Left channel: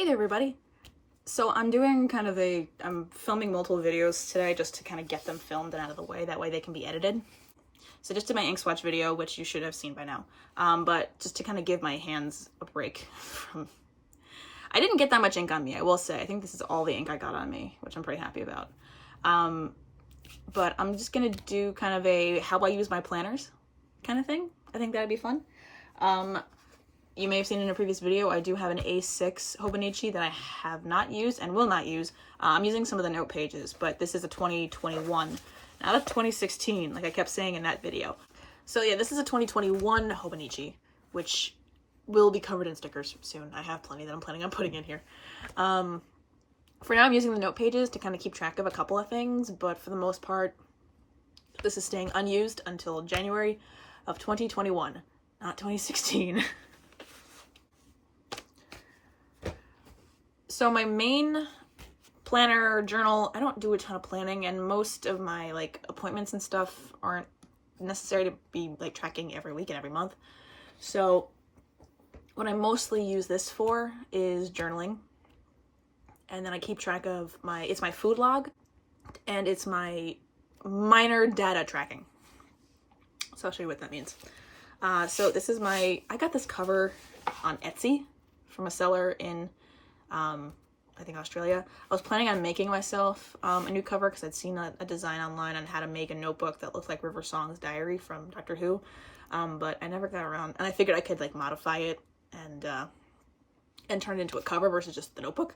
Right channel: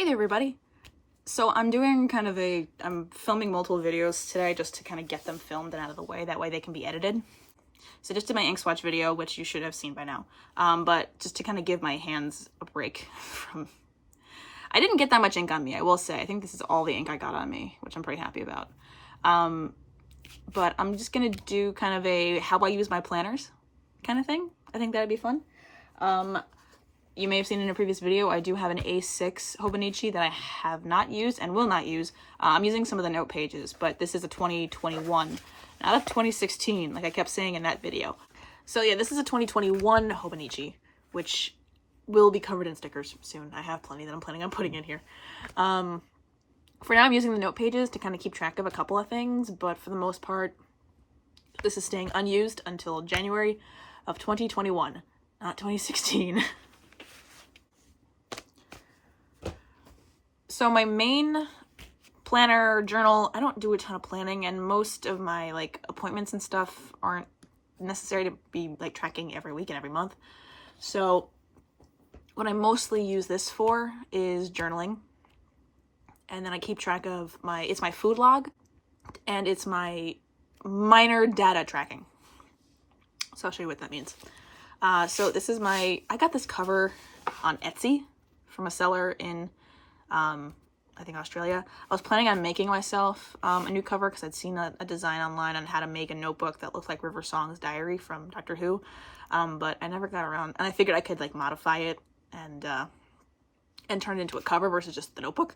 Hey there, everybody. So I'm filming multiple videos today just to kind of get them filmed and out of the way. That way they can be edited. So just did my ink swatch video, which you should have seen by now. But just to kind of give my hands a break from... I didn't get that much ink on me, I will say. I think this is all the ink I got on me, which I'm pretty happy about. But I'm just going to do kind of a how I use my planners kind of thing. I think that'd be fun. You may have seen in a previous video, I do have an A6 Hobonichi that I have not used and will not use. I'm using some of the note pages, but this is a 2021, not a 2016, like I kept saying in that video. So yeah, this is a 2021 Hobonichi, which will be covered in stickers soon. I have plenty that I'm planning on putting in here. For now, I'm using the note pages to kind of keep track of a couple of things, but for the most part, this is staying unused until January of 2021, not 2016. So my main planner journal, I don't do a ton of planning, and most of my like appointments and stuff aren't necessary to be like tracking every week and every month. So what I mostly use this for is journaling. And then I keep track of it's my food log and it's my minor data tracking. So I'll show you what that means. So this is I got this cover on Etsy from a seller in I think Australia. I was planning on making myself a new cover because I'd seen a design online on how to make a notebook that looked like River Song's diary from Doctor Who, but I never got around, and I figured I could like modify it and turn it into a cover versus just the notebook,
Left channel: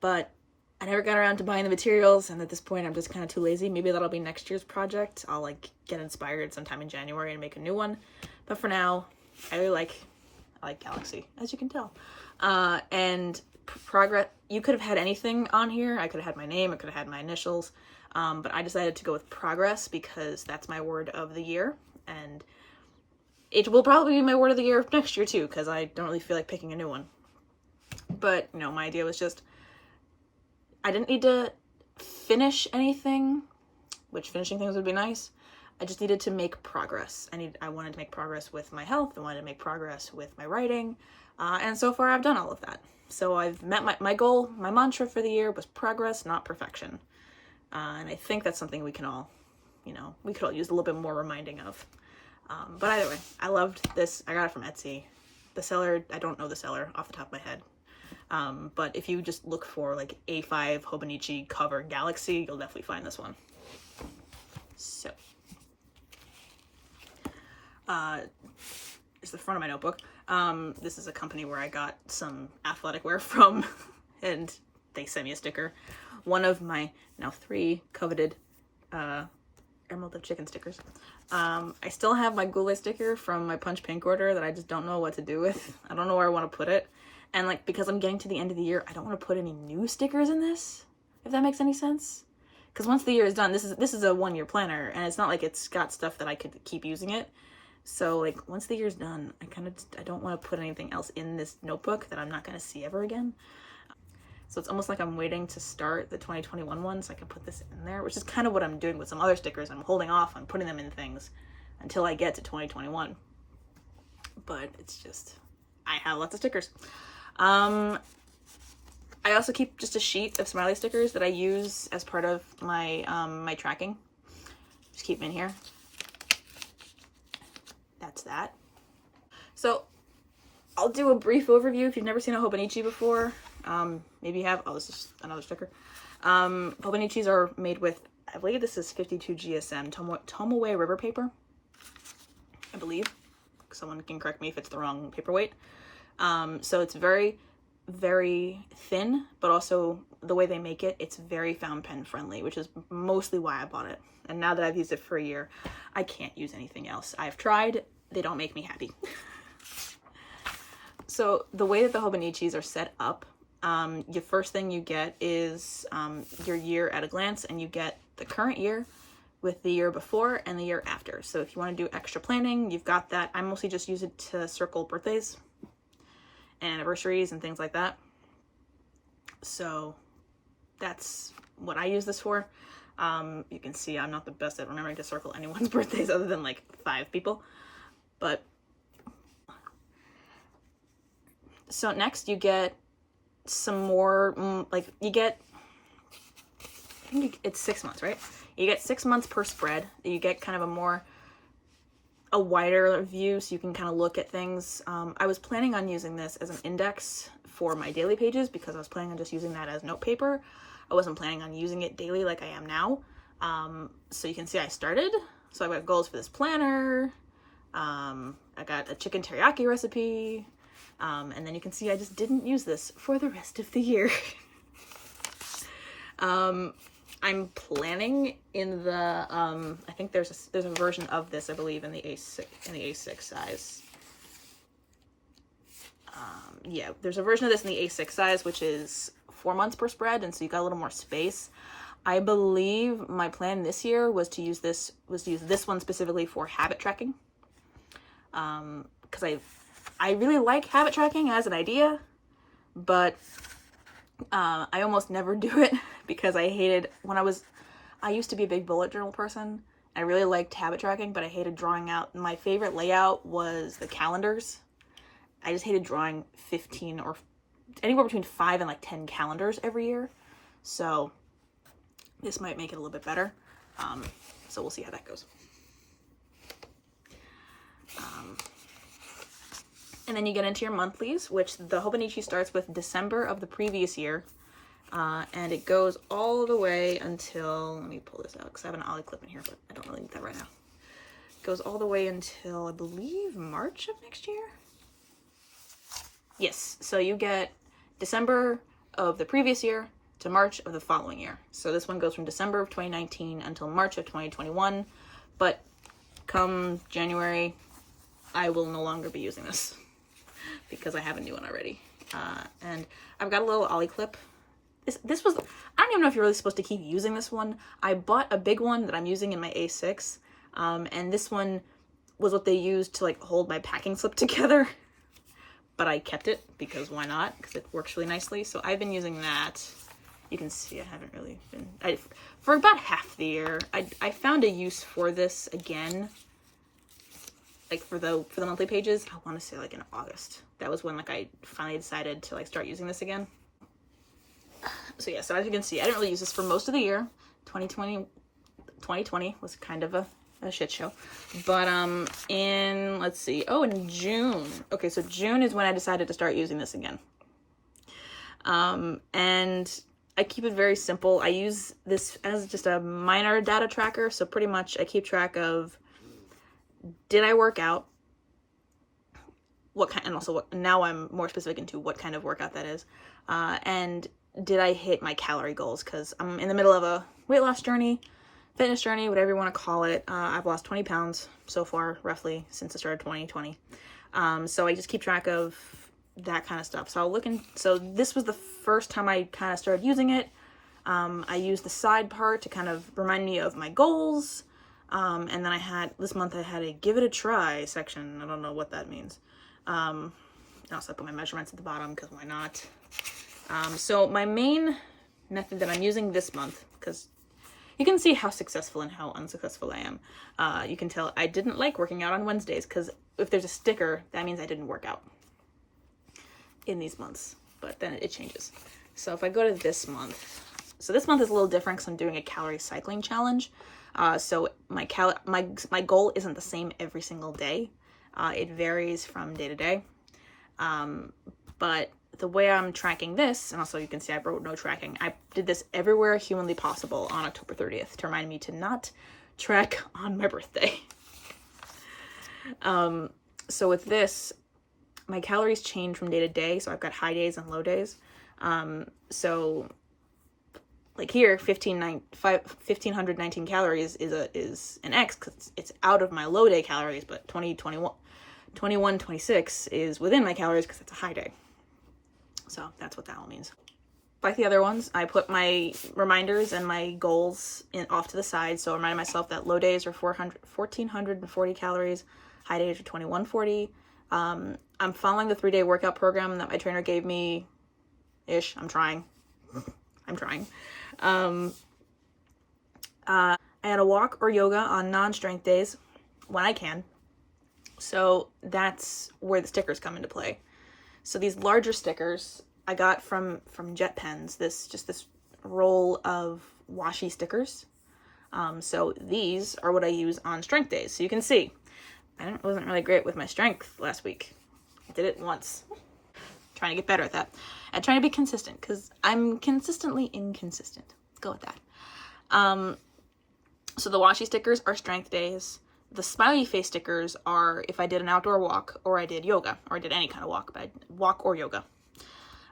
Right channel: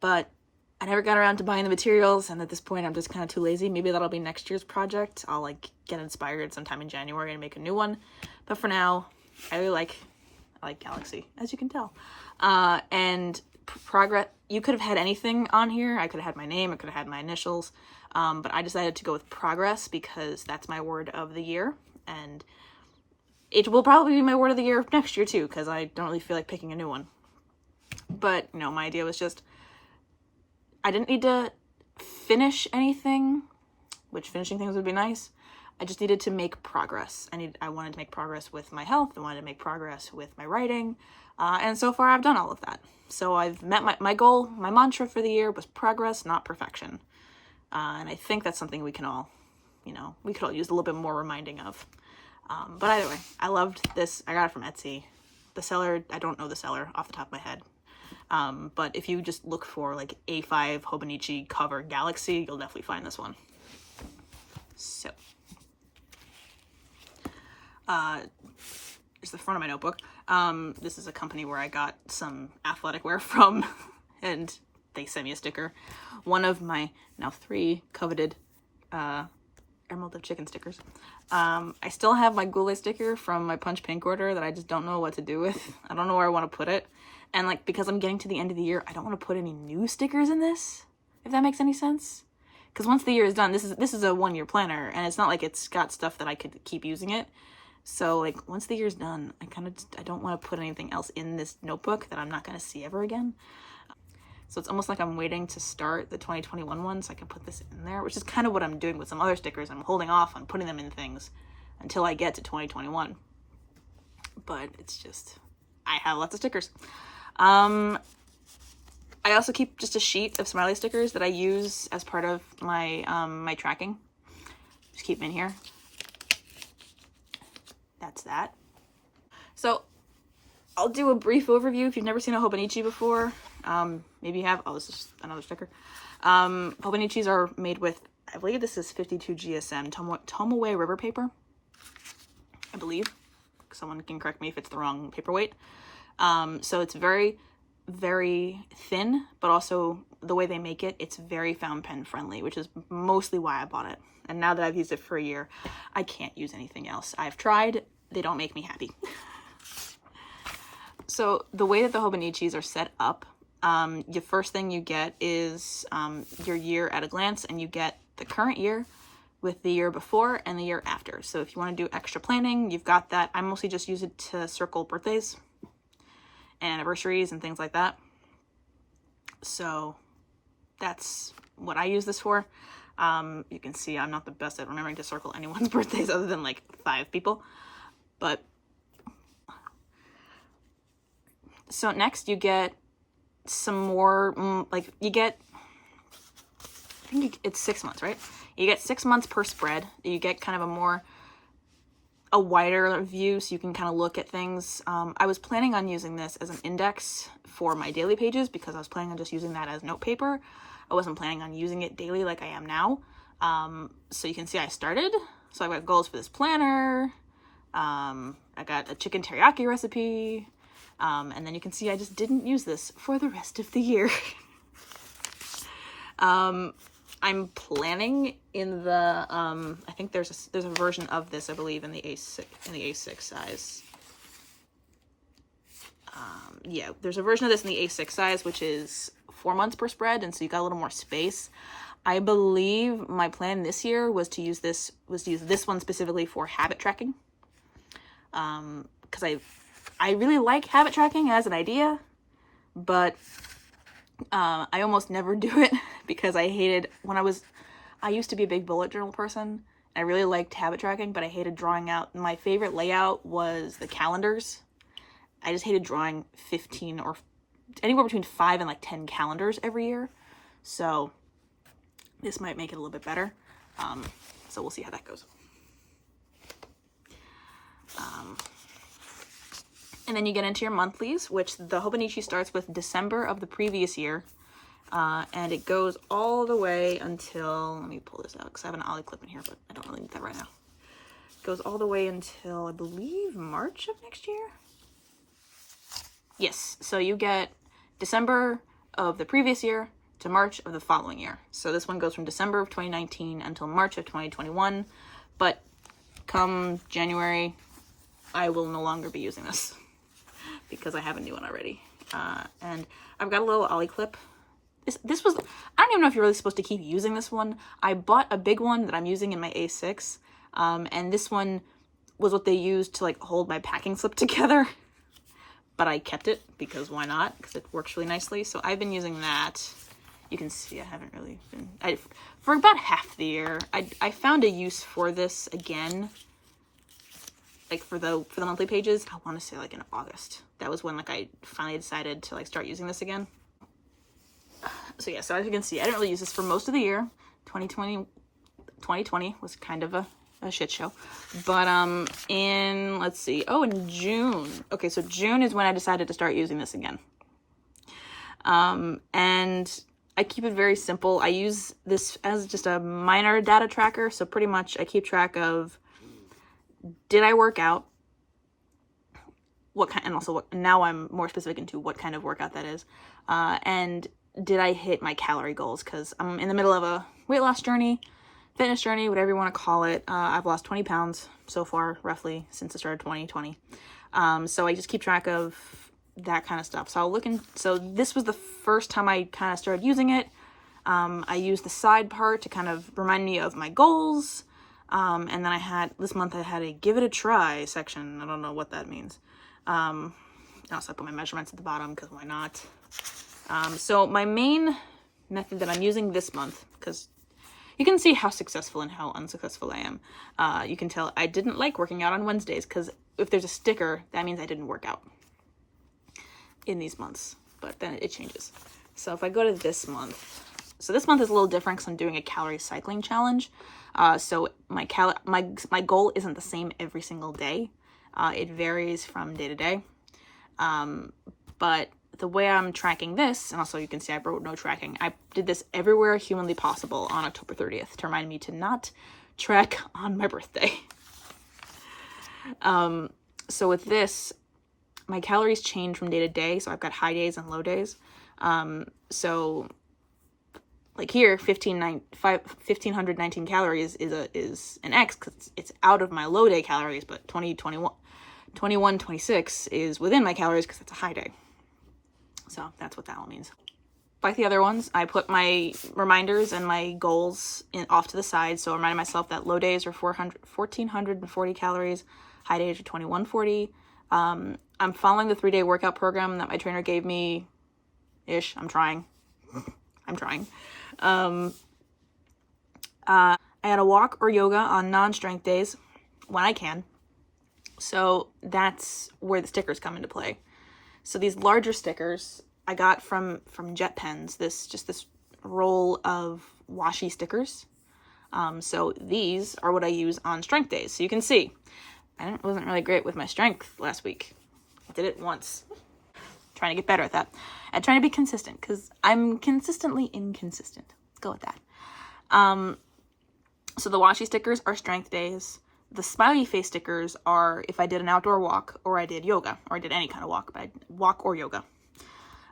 but I never got around to buying the materials, and at this point I'm just kind of too lazy. Maybe that'll be next year's project. I'll like get inspired sometime in January and make a new one, but for now I really like Galaxy, as you can tell. And progress, you could have had anything on here. I could have had my name, I could have had my initials, but I decided to go with progress because that's my word of the year, and it will probably be my word of the year next year too, because I don't really feel like picking a new one. But you know, my idea was just I didn't need to finish anything, which finishing things would be nice. I just needed to make progress. I wanted to make progress with my health. I wanted to make progress with my writing. And so far I've done all of that. So I've met my goal. My mantra for the year was progress, not perfection. And I think that's something we can all, we could all use a little bit more reminding of. But either way, I loved this. I got it from Etsy. The seller, I don't know the seller off the top of my head. But if you just look for like A5 Hobonichi cover Galaxy, you'll definitely find this one. So, here's the front of my notebook. This is a company where I got some athletic wear from, and they sent me a sticker. One of my now 3 coveted Emerald of Chicken stickers. I still have my Goulet sticker from my Punch Pink order that I just don't know what to do with. I don't know where I want to put it. And like, because I'm getting to the end of the year, I don't want to put any new stickers in this, if that makes any sense. Because once the year is done, this is a 1-year planner, and it's not like it's got stuff that I could keep using it. So like, once the year's done, I don't want to put anything else in this notebook that I'm not going to see ever again. So it's almost like I'm waiting to start the 2021 one so I can put this in there, which is kind of what I'm doing with some other stickers. I'm holding off on putting them in things until I get to 2021. But it's just, I have lots of stickers. I also keep just a sheet of smiley stickers that I use as part of my my tracking. Just keep them in here. That's that. So I'll do a brief overview if you've never seen a Hobonichi before. Maybe you have. Oh, this is another sticker. Hobonichis are made with, I believe this is 52 GSM Tomoe river paper. I believe. Someone can correct me if it's the wrong paperweight. So it's very, very thin, but also the way they make it, it's very fountain pen friendly, which is mostly why I bought it. And now that I've used it for a year, I can't use anything else. I've tried, they don't make me happy. So the way that the Hobonichis are set up, the first thing you get is your year at a glance, and you get the current year with the year before and the year after. So if you want to do extra planning, you've got that. I mostly just use it to circle birthdays, anniversaries, and things like that. So that's what I use this for. You can see I'm not the best at remembering to circle anyone's birthdays other than like 5 people. But so next you get some more, like you get, I think it's 6 months, right? You get 6 months per spread. You get kind of a wider view, so you can kind of look at things. I was planning on using this as an index for my daily pages because I was planning on just using that as note paper. I wasn't planning on using it daily like I am now. So you can see I started. So I've got goals for this planner. I got a chicken teriyaki recipe. And then you can see I just didn't use this for the rest of the year. I'm planning in the, I think there's a version of this, I believe, in the A6 size. Yeah, there's a version of this in the A6 size, which is 4 months per spread, and so you got a little more space. I believe my plan this year was to use this one specifically for habit tracking. Because I really like habit tracking as an idea, but I almost never do it because I hated I used to be a big bullet journal person. I really liked habit tracking, but I hated drawing out. My favorite layout was the calendars. I just hated drawing 15 or anywhere between 5 and like 10 calendars every year. So this might make it a little bit better. So we'll see how that goes. And then you get into your monthlies, which the Hobonichi starts with December of the previous year. And it goes all the way until, let me pull this out because I have an ollie clip in here, but I don't really need that right now. It goes all the way until, I believe, March of next year. Yes, so you get December of the previous year to March of the following year. So this one goes from December of 2019 until March of 2021. But come January, I will no longer be using this because I have a new one already. And I've got a little ollie clip. This was, I don't even know if you're really supposed to keep using this one. I bought a big one that I'm using in my A6. And this one was what they used to like hold my packing slip together. But I kept it because why not? Because it works really nicely. So I've been using that. You can see I haven't really been, for about half the year. I found a use for this again, like for the monthly pages. I want to say like in August. That was when like I finally decided to like start using this again. So yeah, so as you can see, I didn't really use this for most of the year. 2020 was kind of a shit show. But let's see. Oh, in June. Okay, so June is when I decided to start using this again. And I keep it very simple. I use this as just a minor data tracker. So pretty much I keep track of, did I work out? What kind, and also what, now I'm more specific into what kind of workout that is. And did I hit my calorie goals? Because I'm in the middle of a weight loss journey, fitness journey, whatever you want to call it. I've lost 20 pounds so far, roughly, since the start of 2020. So I just keep track of that kind of stuff. So I'll look in, so this was the first time I kind of started using it. I used the side part to kind of remind me of my goals. And then this month I had a give it a try section. I don't know what that means. Also I put my measurements at the bottom because why not? So my main method that I'm using this month, because you can see how successful and how unsuccessful I am. You can tell I didn't like working out on Wednesdays because if there's a sticker, that means I didn't work out in these months, but then it changes. So if I go to this month, so this month is a little different because I'm doing a calorie cycling challenge. So my goal isn't the same every single day. It varies from day to day. But the way I'm tracking this, and also you can see I wrote no tracking. I did this everywhere humanly possible on October 30th to remind me to not track on my birthday. So with this, my calories change from day to day. So I've got high days and low days. So like here, 1,519 calories is an X because it's out of my low day calories, but 21, 26 is within my calories because it's a high day. So that's what that all means. Like the other ones, I put my reminders and my goals off to the side. So I reminded myself that low days are 1,440 calories, high days are 2,140. I'm following the 3-day workout program that my trainer gave me ish. I'm trying. I had a walk or yoga on non-strength days when I can. So that's where the stickers come into play. So these larger stickers, I got from Jet Pens this roll of washi stickers. So these are what I use on strength days. So you can see, I wasn't really great with my strength last week. I did it once. Trying to get better at that. And trying to be consistent, because I'm consistently inconsistent. Let's go with that. So the washi stickers are strength days. The smiley face stickers are if I did an outdoor walk, or I did yoga, or I did any kind of walk, but I walk or yoga.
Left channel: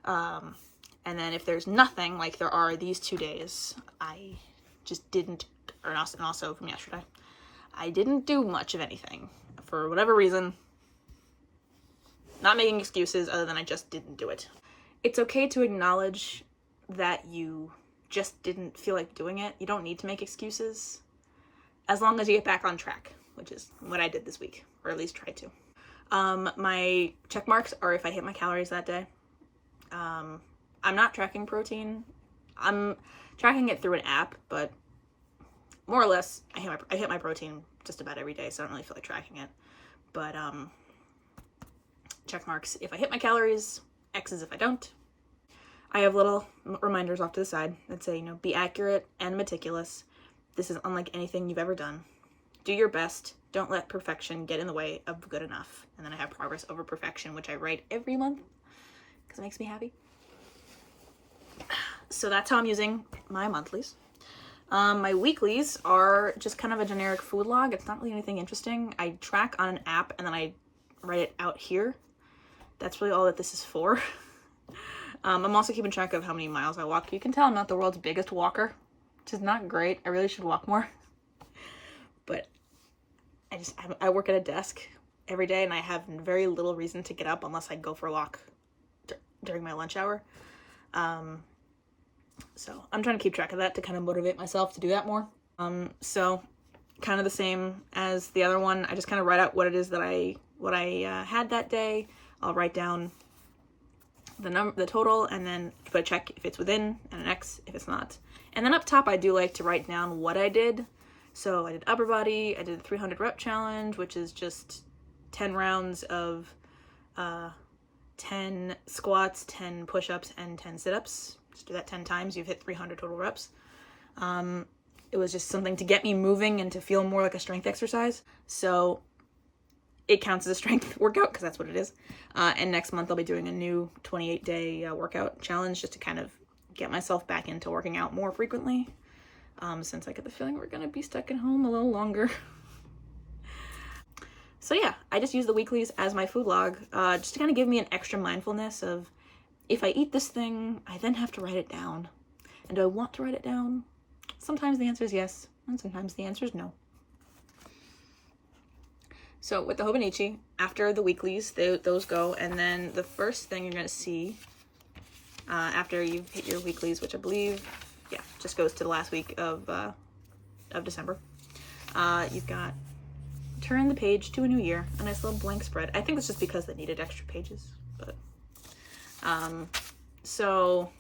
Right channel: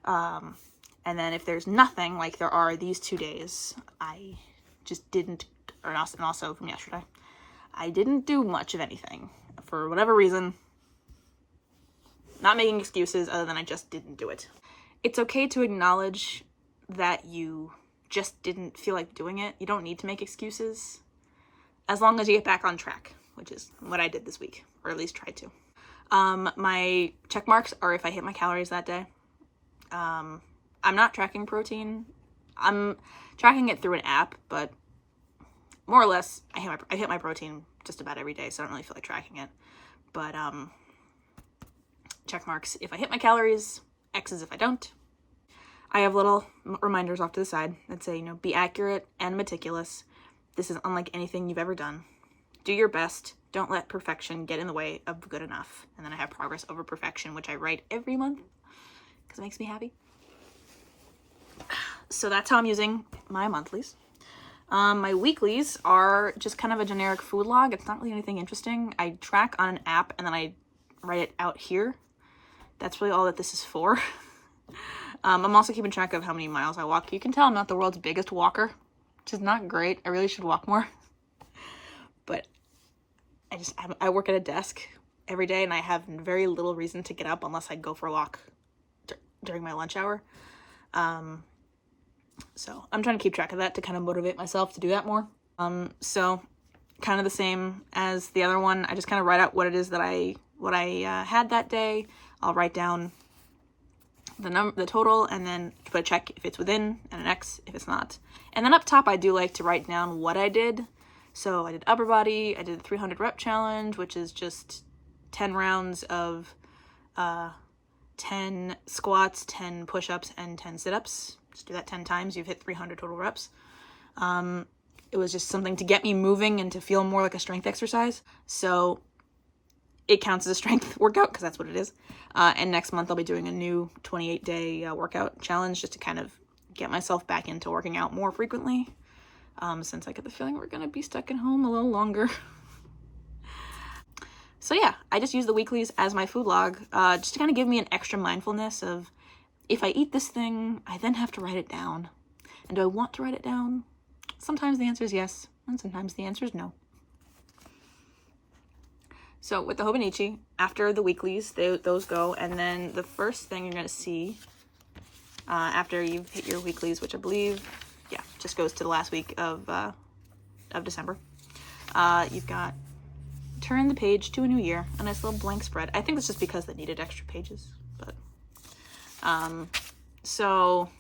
And then if there's nothing, like there are these 2 days, I just didn't, and also from yesterday, I didn't do much of anything for whatever reason. Not making excuses other than I just didn't do it. It's okay to acknowledge that you just didn't feel like doing it. You don't need to make excuses as long as you get back on track, which is what I did this week, or at least tried to. My check marks are if I hit my calories that day. I'm not tracking protein. I'm tracking it through an app, but more or less, I hit my protein just about every day, so I don't really feel like tracking it. But check marks if I hit my calories, X's if I don't. I have little reminders off to the side that say, be accurate and meticulous. This is unlike anything you've ever done. Do your best. Don't let perfection get in the way of good enough. And then I have progress over perfection, which I write every month because it makes me happy. So that's how I'm using my monthlies. My weeklies are just kind of a generic food log. It's not really anything interesting. I track on an app and then I write it out here. That's really all that this is for. I'm also keeping track of how many miles I walk. You can tell I'm not the world's biggest walker, which is not great. I really should walk more. But I work at a desk every day and I have very little reason to get up unless I go for a walk during my lunch hour. So I'm trying to keep track of that to kind of motivate myself to do that more. So kind of the same as the other one. I just kind of write out what it is that I had that day. I'll write down the total, and then put a check if it's within and an X if it's not. And then up top, I do like to write down what I did. So I did upper body. I did the 300 rep challenge, which is just 10 rounds of 10 squats, 10 push-ups, and 10 sit-ups. Just do that 10 times. You've hit 300 total reps. It was just something to get me moving and to feel more like a strength exercise. So it counts as a strength workout because that's what it is. And next month I'll be doing a new 28-day workout challenge just to kind of get myself back into working out more frequently. Since I get the feeling we're going to be stuck at home a little longer. So yeah, I just use the weeklies as my food log, just to kind of give me an extra mindfulness of if I eat this thing, I then have to write it down. And do I want to write it down? Sometimes the answer is yes, and sometimes the answer is no. So with the Hobonichi, after the weeklies, those go, and then the first thing you're going to see after you've hit your weeklies, which I believe, just goes to the last week of December, you've got turn the page to a new year, a nice little blank spread. I think it's just because they needed extra pages, but so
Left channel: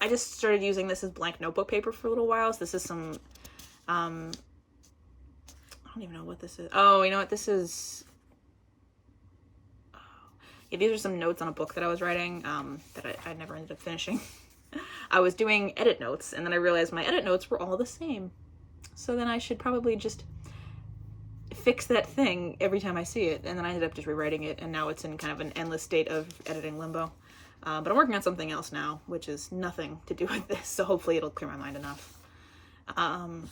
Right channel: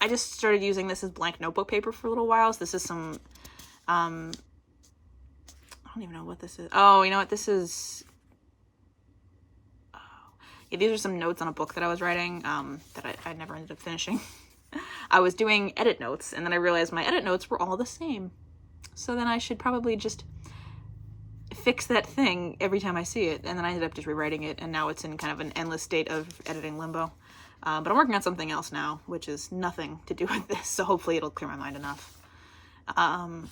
I just started using this as blank notebook paper for a little while. So this is some I don't even know what this is. Oh, you know what this is? Yeah, these are some notes on a book that I was writing that I never ended up finishing. I was doing edit notes, and then I realized my edit notes were all the same. So then I should probably just fix that thing every time I see it. And then I ended up just rewriting it, and now it's in kind of an endless state of editing limbo. But I'm working on something else now, which is nothing to do with this, so hopefully it'll clear my mind enough. I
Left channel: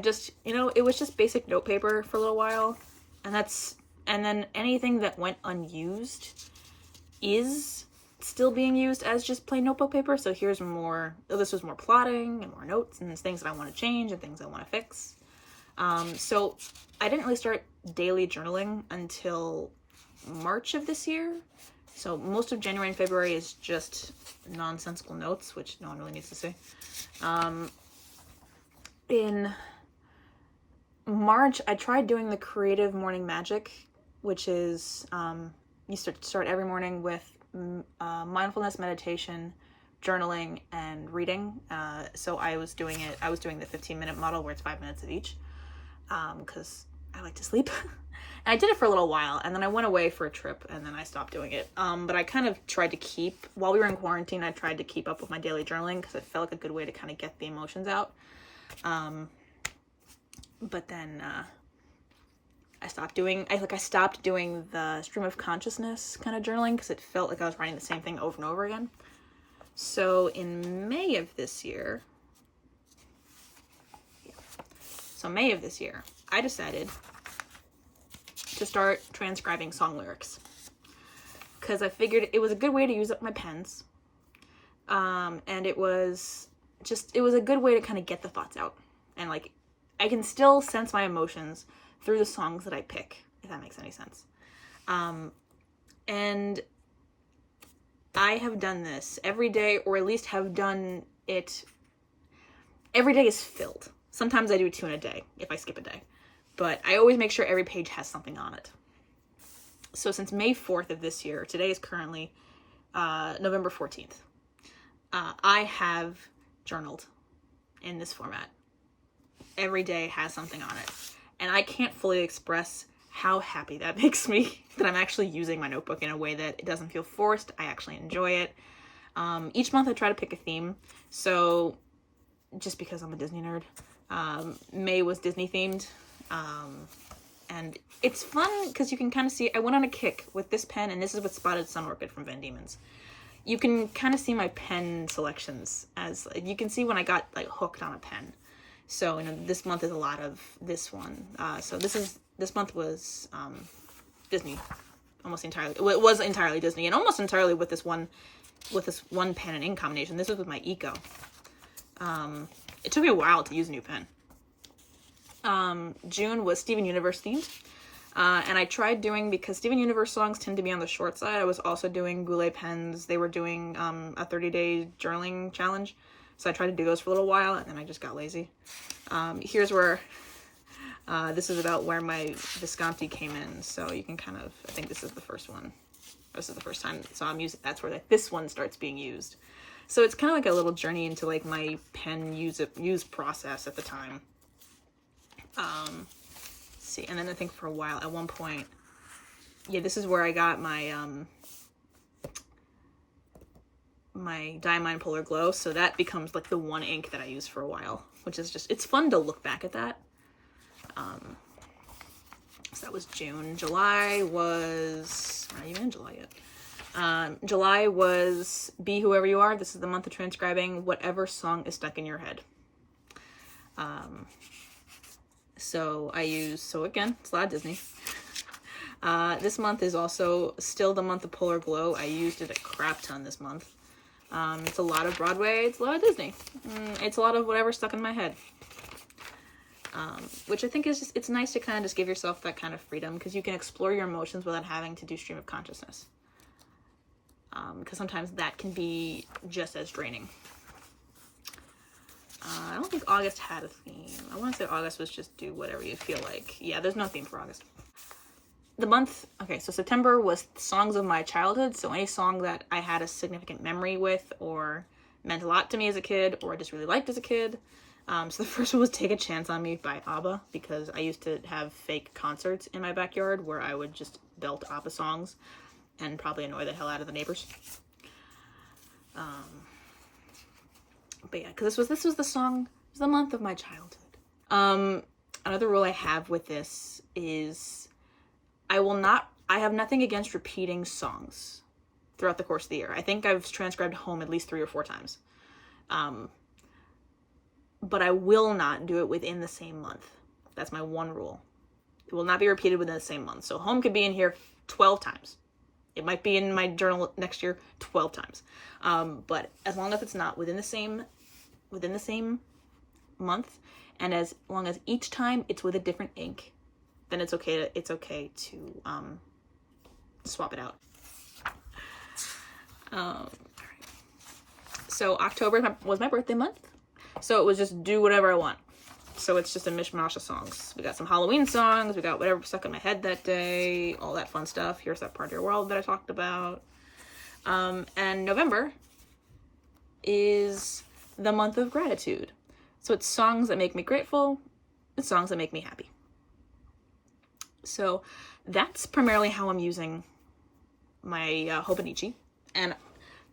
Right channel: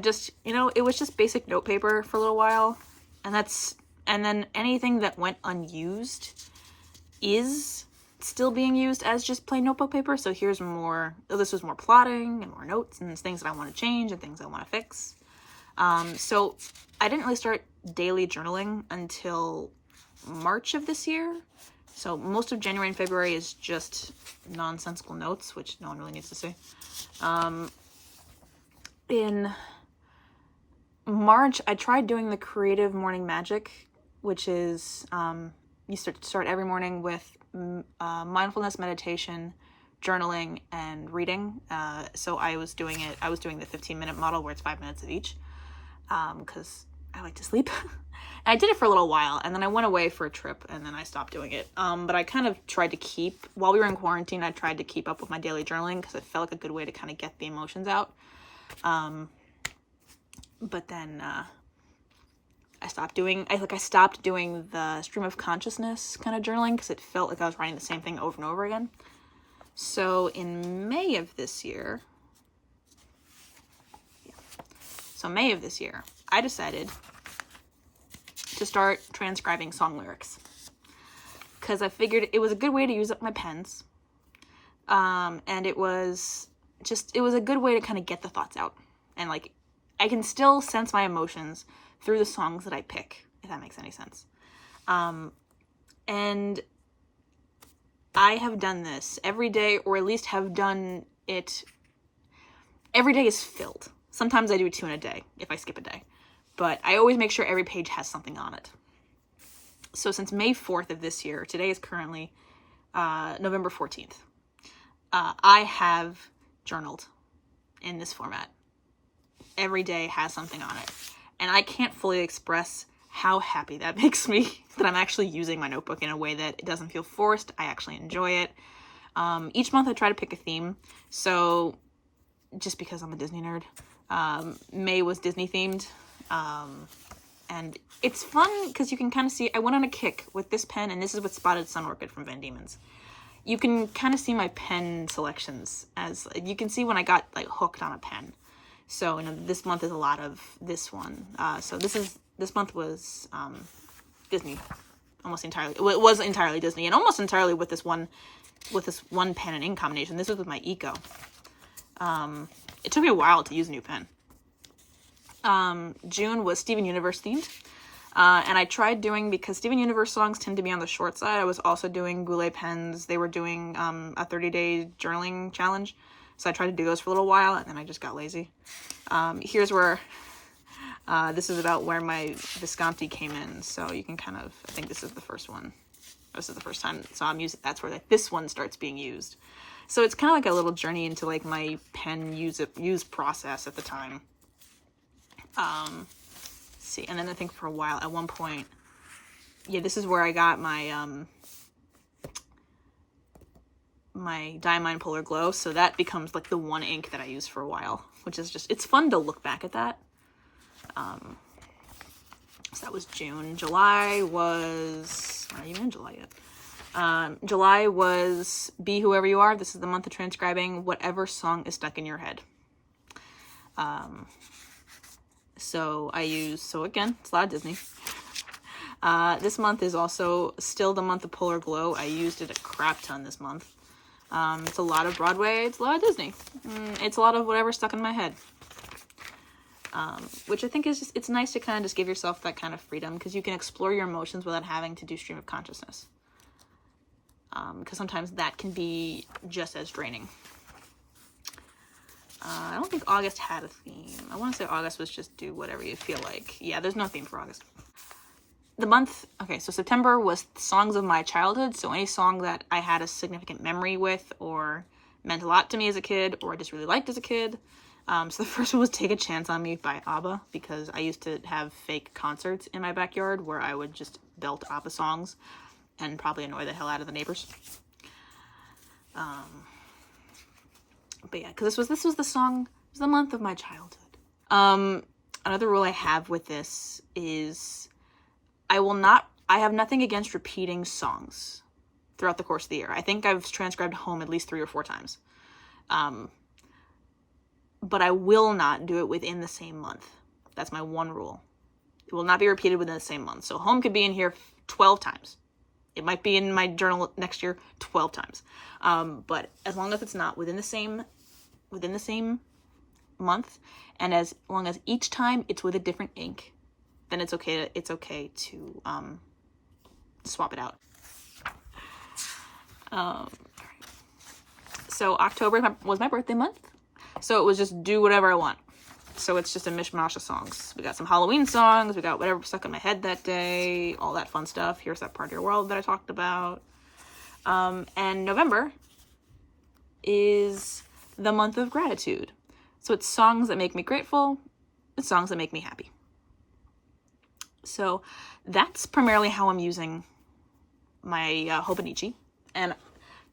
just, it was just basic note paper for a little while, and then anything that went unused is still being used as just plain notebook paper. So here's more, this was more plotting and more notes and things that I want to change and things I want to fix. So I didn't really start daily journaling until March of this year. So most of January and February is just nonsensical notes, which no one really needs to see. In March, I tried doing the creative morning magic, which is you start every morning with mindfulness, meditation, journaling, and reading. So I was doing the 15-minute model where it's 5 minutes of each, because I like to sleep. And I did it for a little while, and then I went away for a trip, and then I stopped doing it. But I kind of tried to keep, while we were in quarantine, I tried to keep up with my daily journaling because it felt like a good way to kind of get the emotions out. But then I stopped doing the stream of consciousness kind of journaling because it felt like I was writing the same thing over and over again. So in May of this year, I decided to start transcribing song lyrics because I figured it was a good way to use up my pens, and it was a good way to kind of get the thoughts out, and like I can still sense my emotions through the songs that I pick, if that makes any sense. And I have done this every day, or at least have done it. Every day is filled. Sometimes I do 2 in a day if I skip a day, but I always make sure every page has something on it. So since May 4th of this year, today is currently November 14th, I have journaled in this format. Every day has something on it. And I can't fully express how happy that makes me that I'm actually using my notebook in a way that it doesn't feel forced. I actually enjoy it. Each month I try to pick a theme. So just because I'm a Disney nerd, May was Disney themed. And it's fun because you can kind of see, I went on a kick with this pen, and this is with Spotted Sun Orchid from Van Diemen's. You can kind of see my pen selections as, you can see when I got like hooked on a pen. So, this month is a lot of this one. So this month was Disney, almost entirely. Well, it was entirely Disney, and almost entirely with this one pen and ink combination. This was with my Eco. It took me a while to use a new pen. June was Steven Universe themed. And I tried doing, because Steven Universe songs tend to be on the short side, I was also doing Goulet pens. They were doing a 30-day journaling challenge. So I tried to do those for a little while, and then I just got lazy. Here's where, this is about where my Visconti came in. So you can kind of, I think this is the first one. This is the first time. So I'm using, that's where this one starts being used. So it's kind of like a little journey into like my pen use process at the time. See, and then I think for a while, at one point, yeah, this is where I got my my Diamine Polar Glow, so that becomes like the one ink that I use for a while, which is just, it's fun to look back at that. So that was June. July was, not even in July yet. July was Be Whoever You Are. This is the month of transcribing whatever song is stuck in your head. So again, it's a lot of Disney. This month is also still the month of Polar Glow. I used it a crap ton this month. It's a lot of Broadway, it's a lot of Disney. It's a lot of whatever's stuck in my head. Which I think is just, it's nice to kind of just give yourself that kind of freedom, because you can explore your emotions without having to do stream of consciousness. Because sometimes that can be just as draining. I don't think August had a theme. I want to say August was just do whatever you feel like. Yeah, there's no theme for August. The month, okay, so September was songs of my childhood. So any song that I had a significant memory with, or meant a lot to me as a kid, or I just really liked as a kid. So the first one was Take a Chance on Me by ABBA, because I used to have fake concerts in my backyard where I would just belt ABBA songs and probably annoy the hell out of the neighbors. But yeah, because this was the song, it was the month of my childhood. Another rule I have with this is I have nothing against repeating songs throughout the course of the year. I think I've transcribed Home at least 3 or 4 times. But I will not do it within the same month. That's my one rule. It will not be repeated within the same month. So Home could be in here 12 times. It might be in my journal next year 12 times. But as long as it's not within the same month, and as long as each time it's with a different ink, then it's okay to swap it out. So October was my birthday month. So it was just do whatever I want. So it's just a mishmash of songs. We got some Halloween songs. We got whatever stuck in my head that day. All that fun stuff. Here's That Part of Your World that I talked about. And November is the month of gratitude. So it's songs that make me grateful. It's songs that make me happy. So that's primarily how I'm using my Hobonichi. And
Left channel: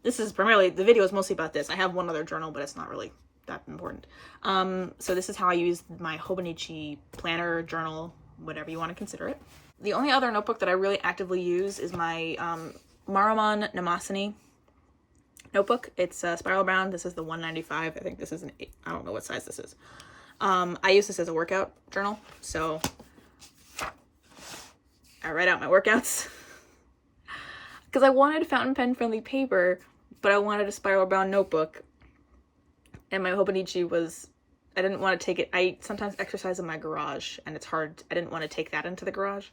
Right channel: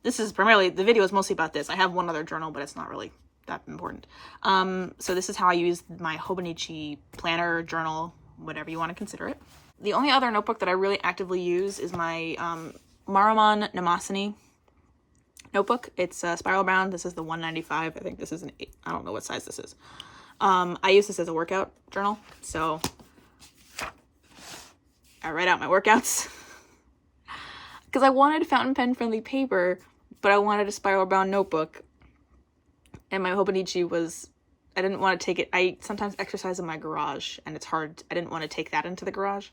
this is primarily, the video is mostly about this. I have one other journal, but it's not really that important. So this is how I use my Hobonichi planner, journal, whatever you want to consider it. The only other notebook that I really actively use is my Maruman Namasani notebook. It's spiral bound. This is the 195. I think this is an 8. I don't know what size this is. I use this as a workout journal, so I write out my workouts. Because I wanted fountain pen friendly paper, but I wanted a spiral bound notebook. And my Hobonichi was, I didn't want to take it. I sometimes exercise in my garage, and it's hard. I didn't want to take that into the garage.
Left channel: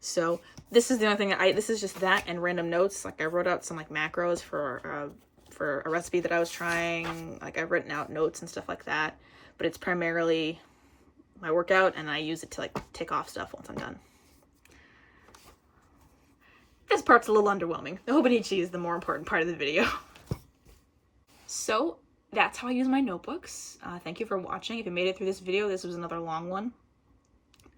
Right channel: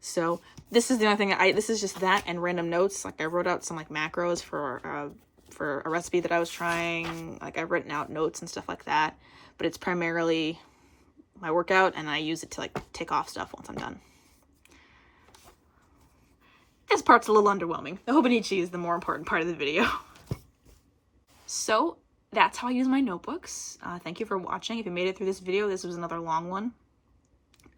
So this is the only thing. This is just that and random notes. Like I wrote out some like macros for a recipe that I was trying. Like I've written out notes and stuff like that. But it's primarily my workout, and I use it to like tick off stuff once I'm done. This part's a little underwhelming. The Hobonichi is the more important part of the video. So that's how I use my notebooks. Thank you for watching. If you made it through this video, this was another long one.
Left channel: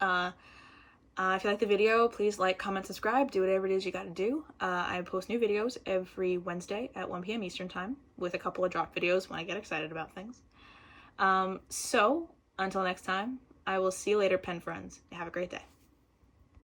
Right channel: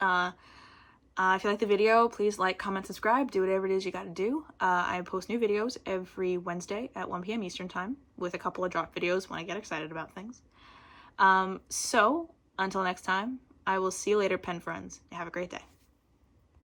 If you like the video, please like, comment, subscribe, do whatever it is you gotta do. I post new videos every Wednesday at 1 p.m. Eastern time with a couple of drop videos when I get excited about things. So until next time, I will see you later, pen friends. Have a great day.